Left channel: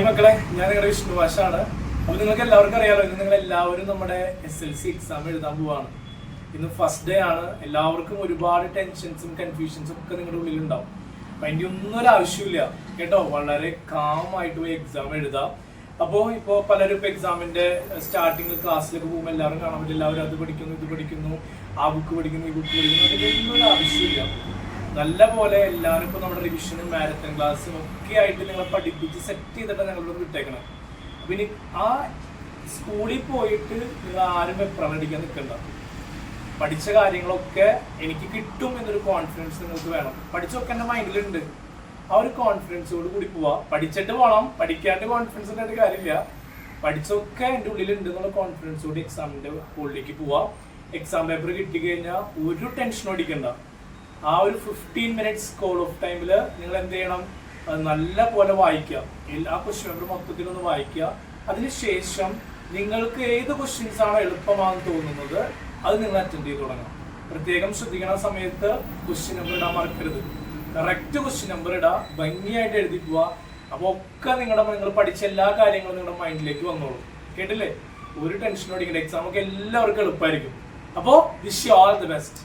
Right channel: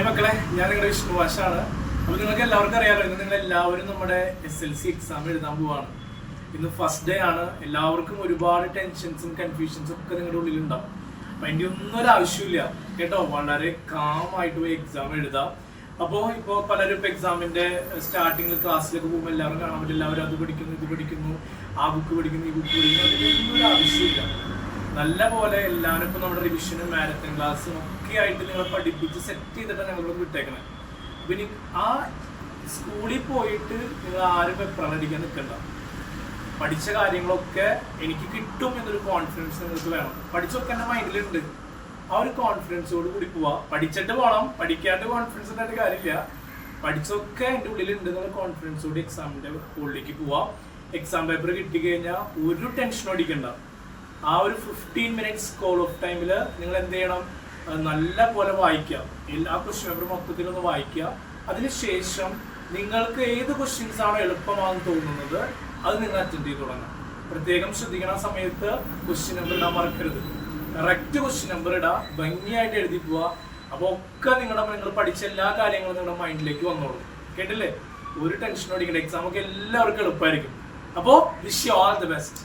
Hi മക്കളെ, ഞാൻ നിങ്ങളുടെ വിഷ്ണുവാശാണ്. അപ്പോൾ നിങ്ങൾക്ക് എല്ലാവർക്കും അറിയാമല്ലോ, ഇന്ന് നിങ്ങൾ എല്ലാവരും നമ്മുടെ SLC എക്സാം എഴുതാൻ പോവാണ്. ഇന്ന് ഫസ്റ്റ് ഡേ ആണ്. എല്ലാവർക്കും ഒരുപാട് ടെൻഷൻസും കൺഫ്യൂഷൻസും ഒക്കെ നിങ്ങളുടെ ഉള്ളിലുണ്ടാവും. അപ്പം അതിൻ്റെ ഒന്നും ഒരു ആവശ്യമില്ല കേട്ടോ. വളരെ കാമായിട്ട് പോയി എക്സാം എഴുതാം. ഇപ്പോൾ പലരും ഇപ്പോൾ എക്സാമിൻ്റെ സ്റ്റാർട്ടിങ്ങിൽ ക്ലാസ്സിലേക്ക് പോകുമ്പോൾ എല്ലാവരും കാണാൻ പറ്റില്ല. എല്ലാവരും അത് പഠിക്കുന്നു, ഇത് പഠിക്കുന്നു, ആ ബുക്ക് പഠിക്കുന്നു, ഈ ബുക്ക് പഠിക്കുന്നു. അതിൻ്റെ ഒന്നും ഒരു ആവശ്യമില്ല. നല്ല പോലെ എല്ലാവരും ഇപ്പോൾ നമ്മുടെ റിവിഷനും മാരത്തൺ ക്ലാസ്സും ഒക്കെ ആയിട്ട് നിങ്ങളെ പഠിപ്പിച്ച് സെറ്റ് ചെയ്തിട്ട് ഞങ്ങളോട് വിട്ടേക്കണം. അപ്പം ഇനി ആ സ്കൂളിൽ പോയിട്ട് നിങ്ങൾ ആരും വെപ്രാളം അടിക്കാൻ നിൽക്കണ്ട. പഠിച്ച കാര്യങ്ങളൊക്കെ എനിക്ക് കിട്ടും എന്നൊരു കോൺഫിഡൻസ് നിങ്ങൾക്ക് വേണം. പഠിച്ചൊക്കെ എൻ്റെ മൈൻഡിലുണ്ട്. ആ ഒരു കോൺഫിഡൻസോട് കൂടി പോവാ. പഠിച്ചിട്ട് പോകണം, പഠിക്കാണ്ട് കോൺഫിഡൻസ് ഉണ്ടായിട്ട് കാര്യമില്ല. പഠിച്ചൊക്കെ എൻ്റെ ഉള്ളിലുണ്ട് എന്നുള്ള കോൺഫിഡൻസോട് എക്സാമിൻ്റെ ഹോളിലേക്ക് പോവാം. എക്സാം പേപ്പർ കിട്ടിക്കഴിഞ്ഞാൽ ഒരു ടെൻഷനും അടിക്കണ്ട. ആ ഒരു 15 മിനിറ്റ്സ് കോൾ ഓഫ് ടൈമിൽ നിങ്ങൾ എന്ത് ചെയ്യണം? നല്ല പോലെ വായിക്കുക. ആ ക്വസ്റ്റ്യൻ പേപ്പർ മൊത്തത്തിലൊന്ന് വായിക്കുക. അതിനുശേഷം നിങ്ങൾക്ക് ഏത് ക്വസ്റ്റ്യൻസ് ആണ് എളുപ്പമാണെന്ന് തോന്നുന്നത് അത് നിങ്ങൾ അറ്റൻഡ് ചെയ്ത് തുടങ്ങാം. പ്രത്യേകം ശ്രദ്ധിക്കുന്ന സമയത്ത് ക്വസ്റ്റ്യൻ നമ്പർ ഇടാൻ മറക്കരുത്. കറക്റ്റ് ക്വസ്റ്റ്യൻ നമ്പർ ഇടുക, ഭംഗിയായിട്ട് എഴുതി പോവുക. അപ്പോൾ ഒക്കെ നിങ്ങൾ പഠിച്ച എല്ലാ കാര്യങ്ങളും നിങ്ങളുടെ മൈൻഡിലേക്ക് വന്നോളൂ. കേട്ടില്ലേ? ഒരു ടെൻഷനും അടിക്കണ്ട. എക്സാം ഒക്കെ എല്ലാവർക്കും എളുപ്പമായിരിക്കും. അപ്പോൾ wish you all the best.